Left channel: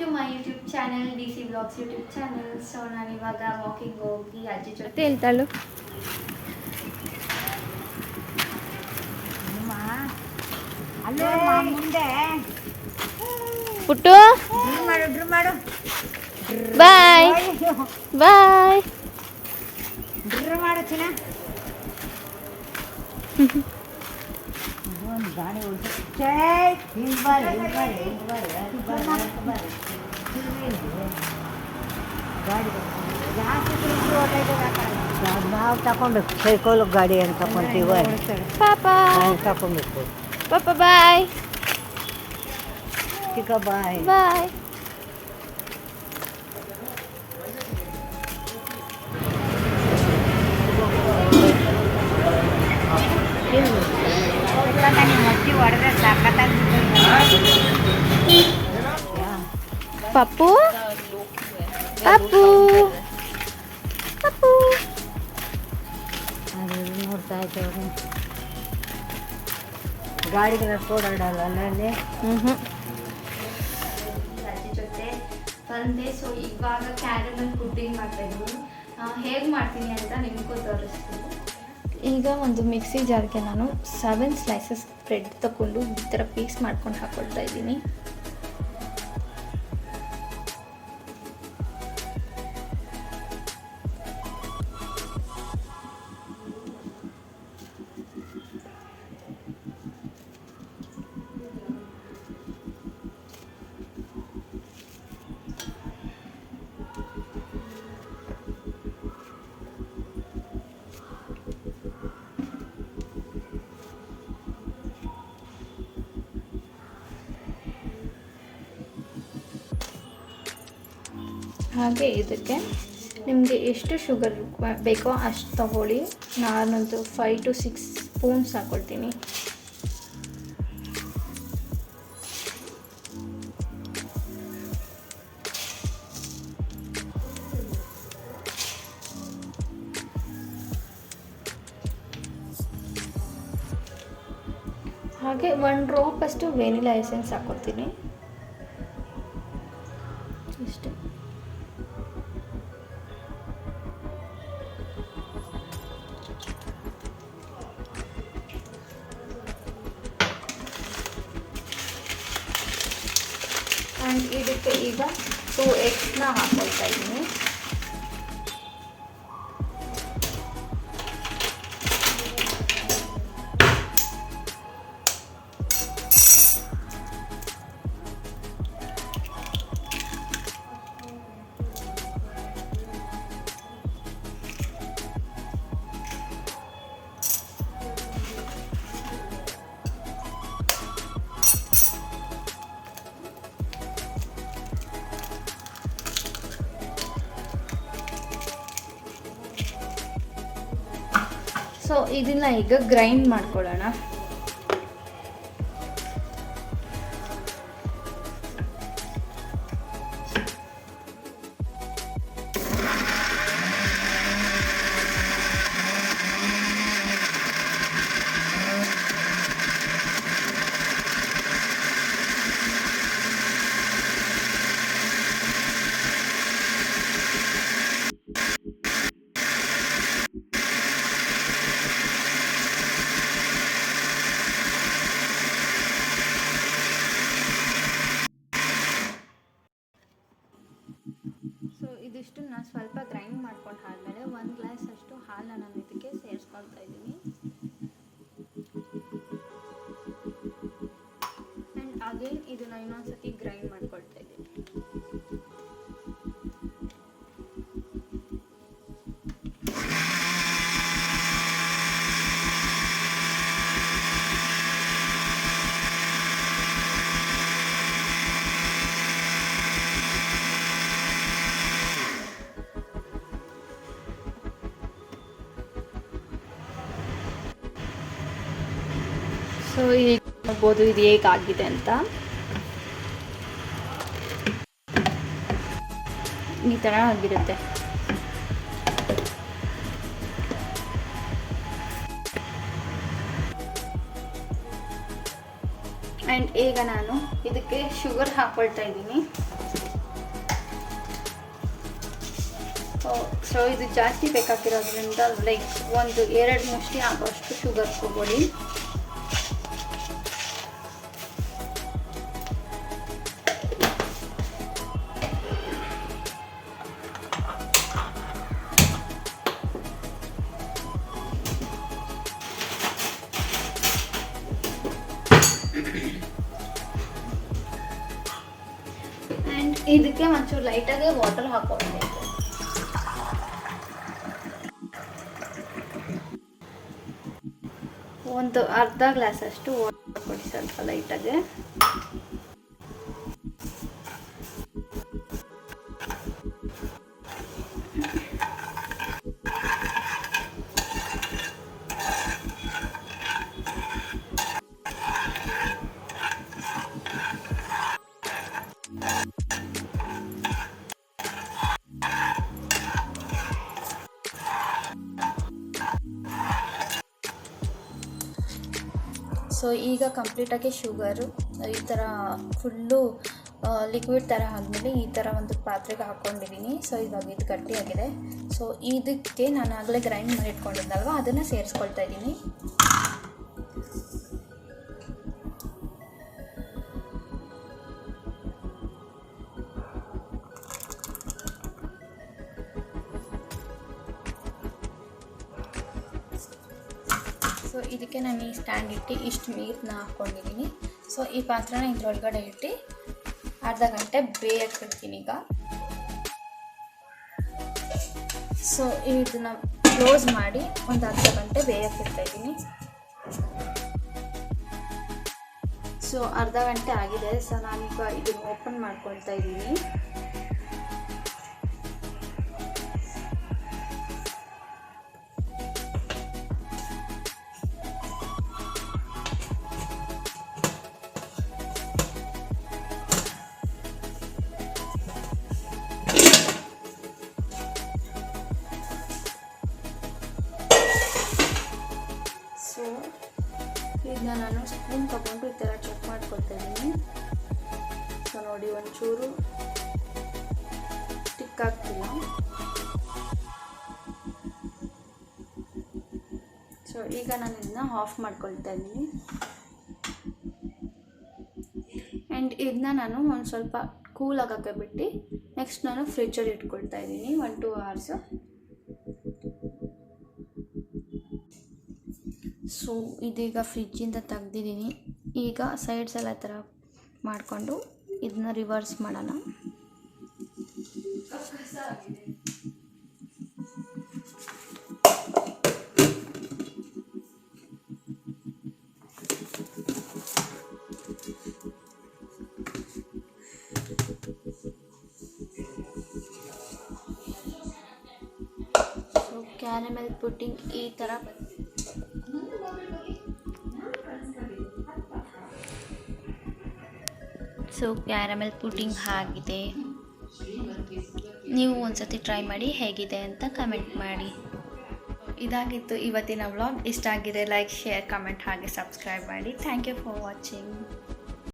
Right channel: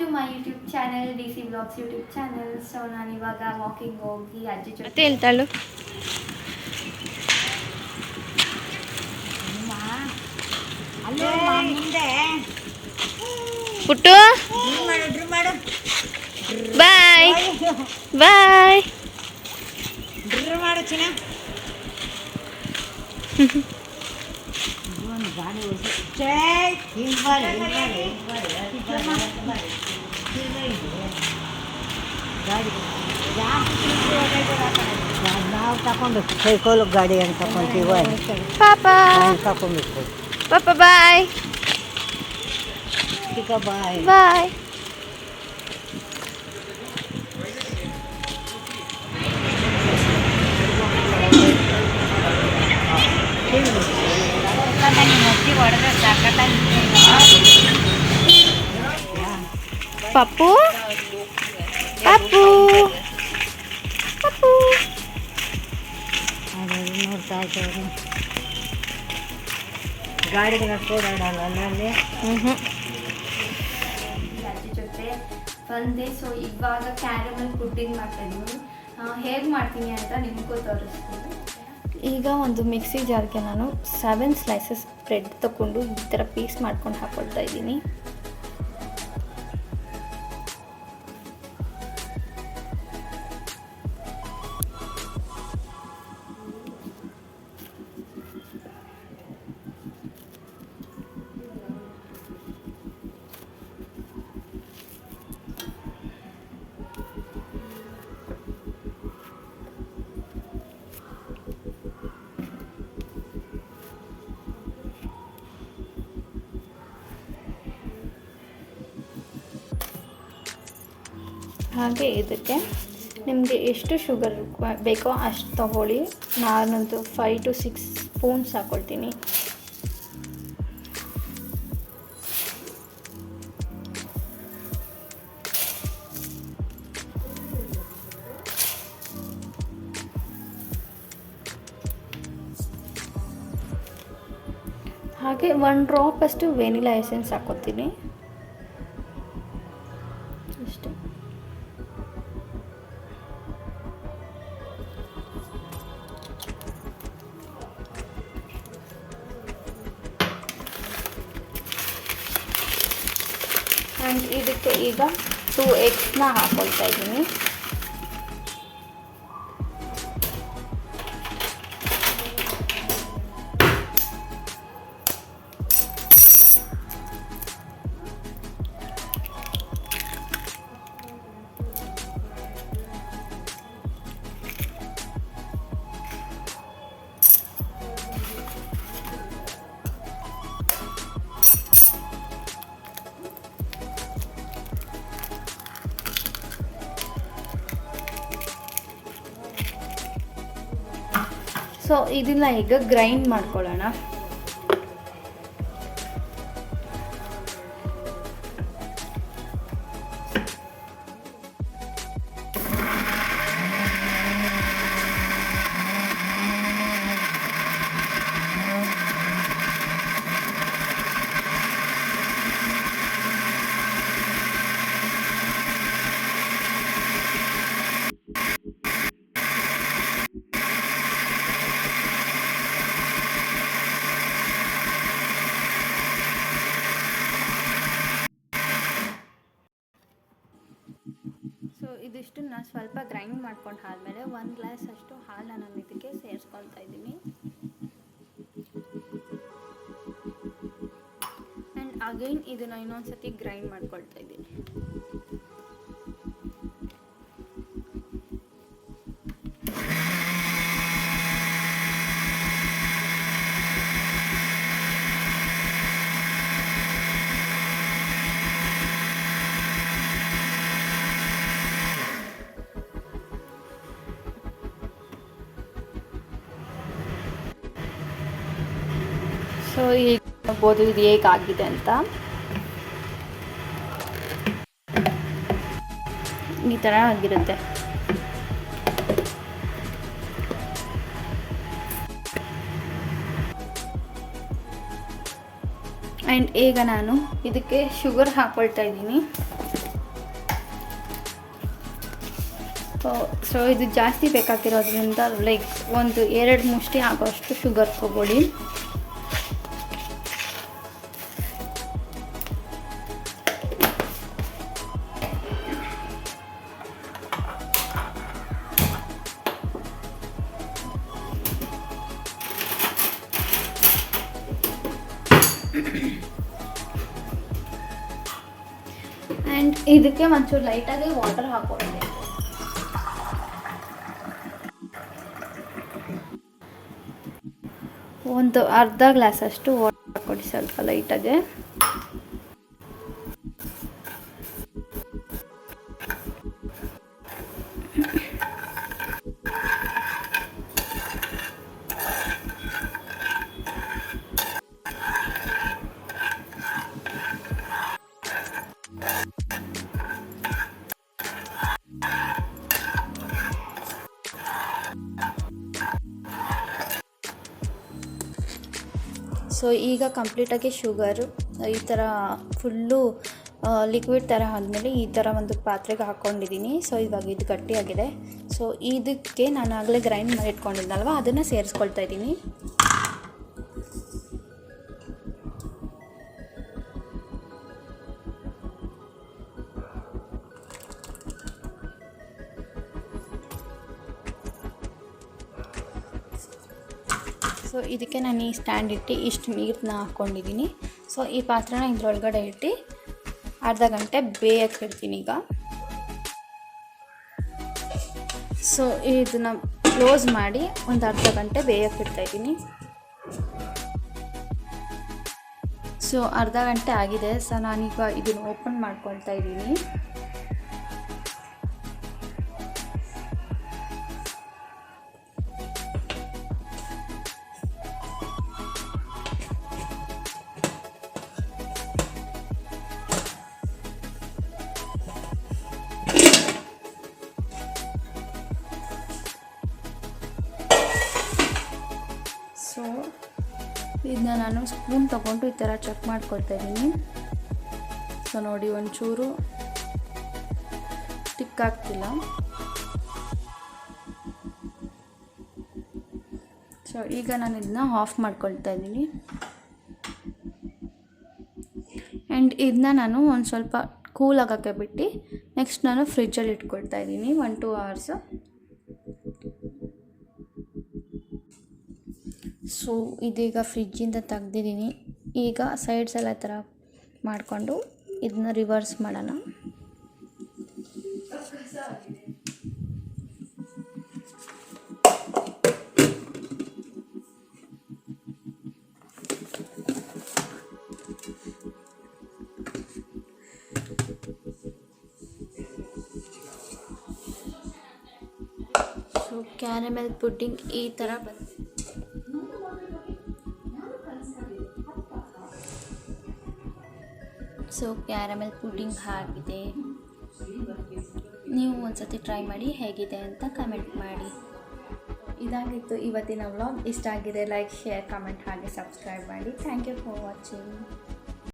To my YouTube channel DC Vlogs YouTube channel. So ನಾನು ಇವಾಗ walking ಹೋಗಿ ಅಜ್ಜಿ ಜೊತೆ ಹೇಳ್ತಾಳು ಪುಟ್ಟು ಬಾಯ್ ಬಾಯ್ ನಾವು ತಗೊಂಡು ಸೈಕಲ್ ಗಾಡಿ ಅಂತ ತಗೊಂತೀವಿ ಪಾಪ ತಗೊಂಡಿರ್ತೀವಿ. ಪಾಪ ಬಾಯ್ ಚಿಕ್ಕ ಬಾಯ್ ಬಾಯ್. ಪಪ್ಪು ಪಪ್ಪು ಪಪ್ಪು ನೋಡ್ತಾ ಇದ್ದೇವೆ ಗಾಡಿಗೆ ಓಡಾಡಲ್ಲ ಅಲ್ಲಿ. ಅಜ್ಜಿ ಜೊತೆ ಬಂದೆ. ಸೊ ಇವಾಗ ಕ್ಯಾರಮಲ್ ಪುಡ್ಡಿಂಗ್ ಮಾಡ್ತಾಯಿದ್ದೀನಿ. ಹೇಗೆ ಮಾಡ್ತೀನಿ ಅಂತ ನಿಮಗೂ ತೋರಿಸ್ತೀನಿ. ಈಗ ಒಂದು ಮಿಕ್ಸಿ ಜಾರ್ಗೆ ನಾನು 7 ಸ್ಲೈಸಸ್ ಬ್ರೆಡ್ ತಗೊಂಡು ಈ ಥರ ಪೀಸ್ ಮಾಡ್ಕೊಂಡು ಹಾಕ್ಕೊಳ್ತಾ ಇದ್ದೀನಿ. ಹಾಗೆ ಇದಕ್ಕೆ ನಿಮಗೆ ಎಷ್ಟು ಶುಗರ್ ಬೇಕೋ ಅಷ್ಟು ತಗೊಳ್ಳಿ. ನಾನಂತೂ 5 to 6 ಸ್ಪೂನ್ಸ್ ಹಾಕ್ಕೊಳ್ತೀನಿ. ಹಾಗೆ 1 ಡ್ರಾಪ್ ಅಷ್ಟು ವೆನಿಲಾ ಎಸೆನ್ಸ್ ಹಾಕ್ಕೊಳ್ತೀನಿ ಅಷ್ಟೇ. ಆ್ಯಂಡ್ ಇದಕ್ಕೆ ಈಗ 2 ಎಗ್ಸ್ನ ಹಾಕ್ಕೊಳ್ತಾ ಇದ್ದೀನಿ. ಸೊ ಇದನ್ನ ಈಗ ಗ್ರೈಂಡ್ ಮಾಡ್ಕೊಳ್ಳೋಣ. ಸೊ ಇದಿಷ್ಟನ್ನ ಸ್ವಲ್ಪ ಗ್ರೈಂಡ್ ಮಾಡ್ಕೊಂಡು ಆದಮೇಲೆ 1 ಗ್ಲಾಸ್ ಅಷ್ಟು ಹಾಲನ್ನ ನಾನು ಇದಕ್ಕೆ ಸೇರಿಸ್ಕೊಳ್ತಾ ಇದ್ದೀನಿ. ಆ್ಯಂಡ್ ಅಗೈನ್ ಇದನ್ನು ಇನ್ನೊಂದು ಸತಿ ಗ್ರೈಂಡ್ ಮಾಡ್ಕೊಳ್ತಾ ಇದ್ದೀನಿ. ಸೊ ಈಗ ನೋಡ್ಬೋದು ಇದು ಹೇಗಾಗಿದೆ ಅಂತ. ಈ ಥರ ಆಗಿರುತ್ತೆ. ಆ್ಯಂಡ್ ಈಗ ನಾನು ಇದಕ್ಕೆ ಶುಗರ್ ಹಾಕ್ಕೊಳ್ತಾ ಇದ್ದೀನಿ. ಸೊ ಇದು ಜಾಸ್ತಿ ಬೇಕಾಗಿರೋದ್ರಿಂದ ಲೈಕ್ ಒಂದು 2 ಮುಷ್ಟಿ ಆಗೋಷ್ಟು ಶುಗರ್ ತಗೊಳ್ಳಿ. ಆ್ಯಂಡ್ ಇದಕ್ಕೆ ಒಂಚೂರು ಲೈಟಾಗಿ ವಾಟರ್ ಹಾಕ್ಕೊಳ್ಬೇಕು. ಒಂದು ಅರ್ಧ ಗ್ಲಾಸಷ್ಟು ವಾಟರ್ ಕೊಡಿ, ಸ್ವಲ್ಪ ಲೈಟಾಗಿ. ಸೊ ಈಗ ಕಂಪ್ಲೀಟಾಗಿ ಶುಗರು ಈ ಥರ ಫುಲ್ಲು ಲಿಕ್ವಿಡ್ ಥರ ಆದಮೇಲೆ ಈ ಥರ ಒಂದು ಪಾತ್ರೆಗೆ ಹಾಕ್ಕೊಂಡಿದ್ದೀನಿ. ಸೊ ಇವಾಗ ಇದು ಗಟ್ಟಿಯಾಗಿದೆ. ಸೊ ಇದಕ್ಕೆ ನಾನು ಆಗಲೇ ಗ್ರೈಂಡ್ ಮಾಡಿ ಇಟ್ಕೊಂಡಿದ್ನಲ್ವ, ಅದನ್ನು ಸೇರಿಸ್ಕೊಳ್ತಾ ಇದ್ದೀನಿ. ಸೊ ಇದಕ್ಕೆ ನಾನು ಈ ಸ್ಟ್ಯಾಂಡ್ ಇಟ್ಟು ಇಷ್ಟು ನೀರನ್ನ ಹಾಕ್ಕೊಂಡಿದ್ದೀನಿ. ಸೊ ಈ ಪಾತ್ರೆನ ಇದರೊಳಗಡೆ ಇಟ್ಟು ಅರ್ಧ ಗಂಟೆ ಬೇಯಕ್ಕೆ ಬಿಡ್ತೀನಿ ಈಗ. ಸೊ ಇದನ್ನು ಕ್ಲೋಸ್ ಮಾಡಿ ಒಂದು ಅರ್ಧ ಗಂಟೆ ಬೇಯಕ್ಕೆ ಬಿಡ್ತಾಯಿದ್ದೀನಿ. ಸೊ ಅರ್ಧ ಗಂಟೆ ಆಗಿದೆ. ಸೊ ನಾನೀಗ ಇದನ್ನು ಓಪನ್ ಮಾಡ್ಕೊಳ್ತಾ ಇದ್ದೀನಿ. ಸೊ ಇದನ್ನ ನಾನು ಸ್ಪೂನ್ ತಗೊಂಡು ಈ ಥರ ಚೆಕ್ ಮಾಡ್ಕೊಳ್ತಾ ಇದ್ದೀನಿ. ಸೊ ನೋಡಿ, ಒಂಚೂರು ಟಿಕ್ ಆಗ್ತಿಲ್ಲ. ಸೊ ಈಗ ನಾನು ಇದನ್ನ ಆಫ್ ಮಾಡ್ಕೊಳ್ತಾ ಇದ್ದೀನಿ. ಆ್ಯಂಡ್ ಇದನ್ನ ನಾನು ಒಂದು ಸ್ವಲ್ಪ ಕೂಲ್ ಆಗೋಕ್ಕೆ ಬಿಟ್ಟು ನೆಕ್ಸ್ಟ್ ನಾನು ಫ್ರಿಜ್ಜಲ್ಲಿ ಇಟ್ಕೊಳ್ತಾ ಇದ್ದೀನಿ 1-2 hours. ಸೊ ಇದೀಗ ಫ್ರಿಜ್ಜಿಂದ ತೆಗ್ದಿದ್ದೀನಿ. ಈಗ ಸೈಡ್ಸ್ ಎಲ್ಲ ಥರ ಮಾಡಿಕೊಂಡು ಇದನ್ನ ರಿವರ್ಸ್ ಮಾಡೋಣ. ಸೊ ಕ್ಯಾರಮೆಲ್ ಪುಡ್ಡಿಂಗ್ ಈ ಥರ ಬಂದಿದೆ. ಸೊ ಕ್ಯಾರಮೆಲ್ ಪುಡ್ಡಿಂಗ್ ಆಗಿದೆ. ನೀವು ಒಂದ್ಸತಿ ಟ್ರೈ ಮಾಡಿ ಹೇಗಿದೆ ಅಂತ ಕಮೆಂಟ್ ಮಾಡಿ. ಇದಾಗಿತ್ತು ಇವತ್ತಿನ ವ್ಲಾಗ್. ಇಷ್ಟ ಆಗಿದೆ ಲೈಕ್, ಶೇರ್, ಕಮೆಂಟ್ ಹಾಗೆ ಸಬ್ಸ್ಕ್ರೈಬ್ ಮಾಡಿ. Thank you for watching.